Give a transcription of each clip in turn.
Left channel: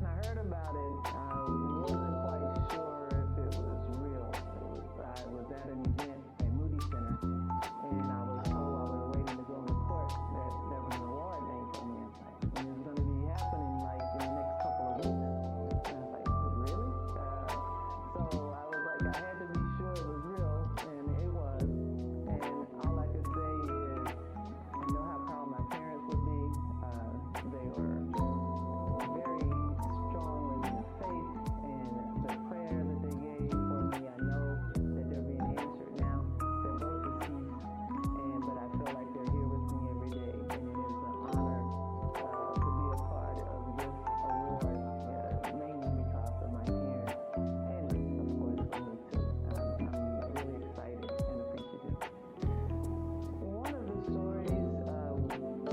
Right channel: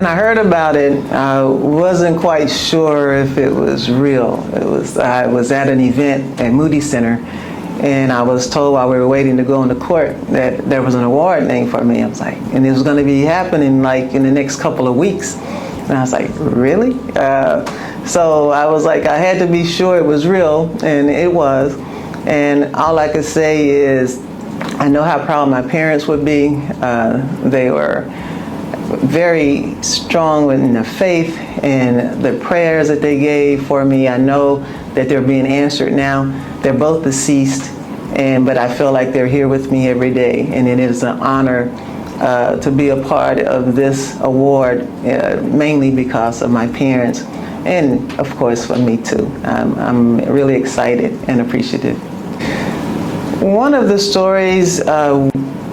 When I heard about it, I wasn't quite sure if it was real. I was at an event at Moody Center, and I was told while we were waiting to go into court that there was an award named for me. I was like, and it was going to be happening like in the next couple of weeks. And I was like, really? So I was like, I had to be sure it was real, and it was. And all I could say is, I know how proud my parents would be. They were very strong in the faith and the prayers that they gave for me. I know that they're being answered now. They're both deceased, but I feel like they're here with me every day, and it is an honor to be a part of this award, mainly because of my parents, and of course for me too. I'm really excited and appreciative. One of the stories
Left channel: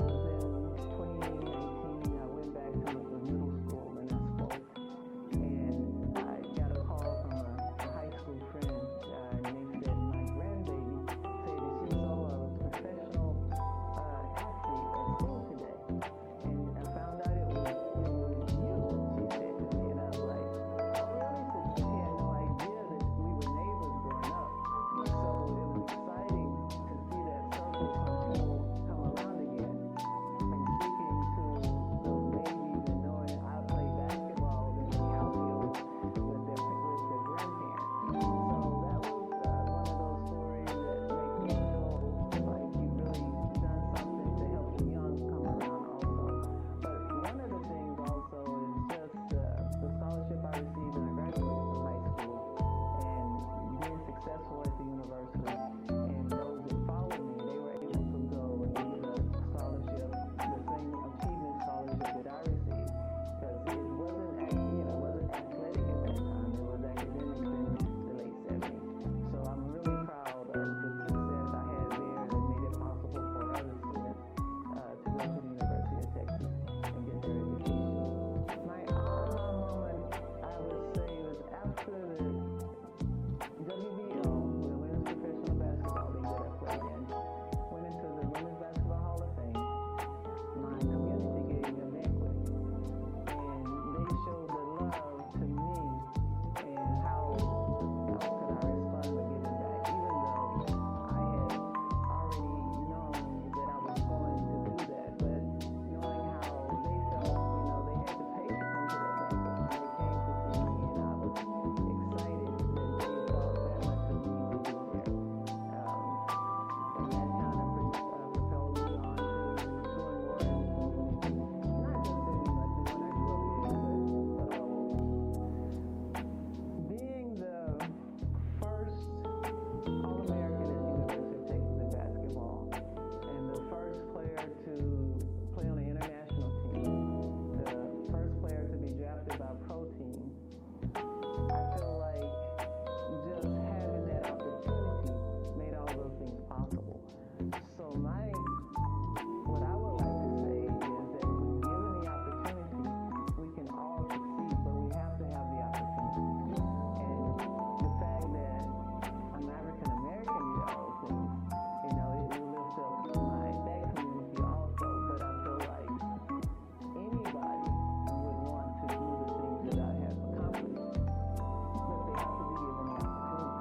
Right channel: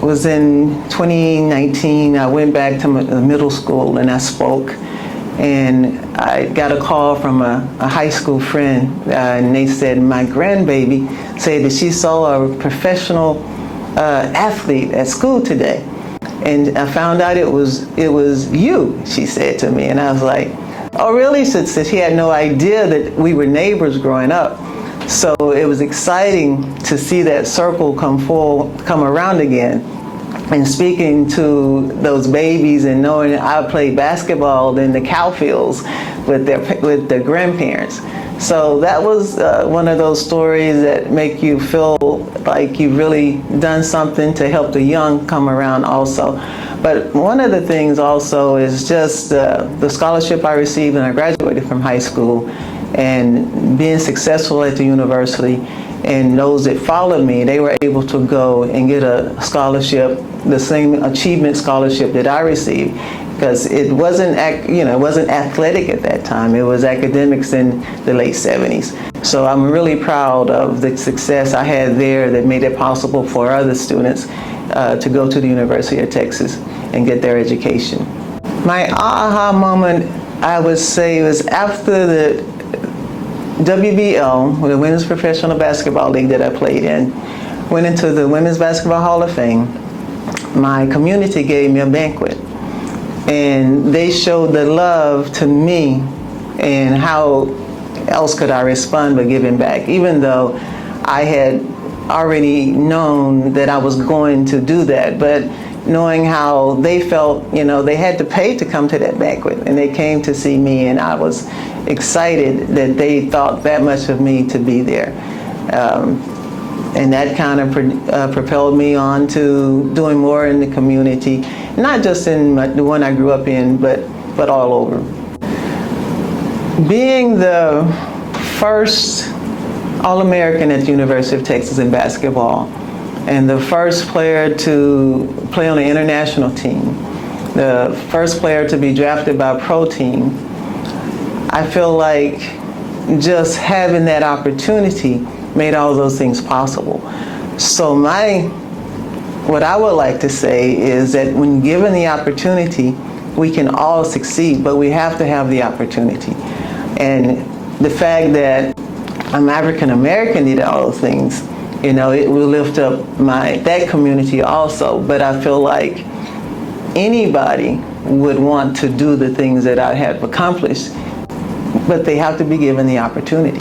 was in 2019. I went back to middle school and I spoke, and I got a call from a high school friend, and they said my grandbaby said that she saw a professional athlete at school today, and I found out it was you, she said to me. And I was like, oh really? So she had no idea that we were neighbors growing up. So it was exciting to see that circle come around again, and speaking to those babies and knowing I played basketball in the cow fields with their grandparents. So that was one of those stories that make you feel like you've really done something to help the young come around also. But one of the things also is just the scholarship I received when I graduated from high school, and being successful at the university, and those that followed me, they were able to go and get a scholarship, the same achievement scholarship that I received, because it wasn't athletic at that time. It was academics in the late 70s. So I'm really proud of the success I had there that made it possible for other students to go to the University of Texas and get their education. My aha moment, I would say, was after the WBL, the Women's Professional Basketball League that I played in, went into the Women's Basketball Hall of Fame. My community gave me a banquet, and they showed the love to me, and how else could I respond but giving back, even though I had already known that I was going to do that. But knowing how they felt, they had to pay to come to that banquet, and they came to see me, and I was excited that they thought that much of me to be there. And that kind of propelled me on to doing more in the community, not just in the one I grew up in, but all over. Being the first All-American at the University of Texas in basketball, and the first player to play on the international team, the first player to be drafted by a pro team, I feel like just having that opportunity made all those things possible. So what I would like to say is that when given the opportunity, we can all succeed, but we have to have the opportunity. And the fact that I'm African American did all those things, it will lift up that community also. But I feel like anybody would want to do the things that I have accomplished, but they have to be given the opportunity.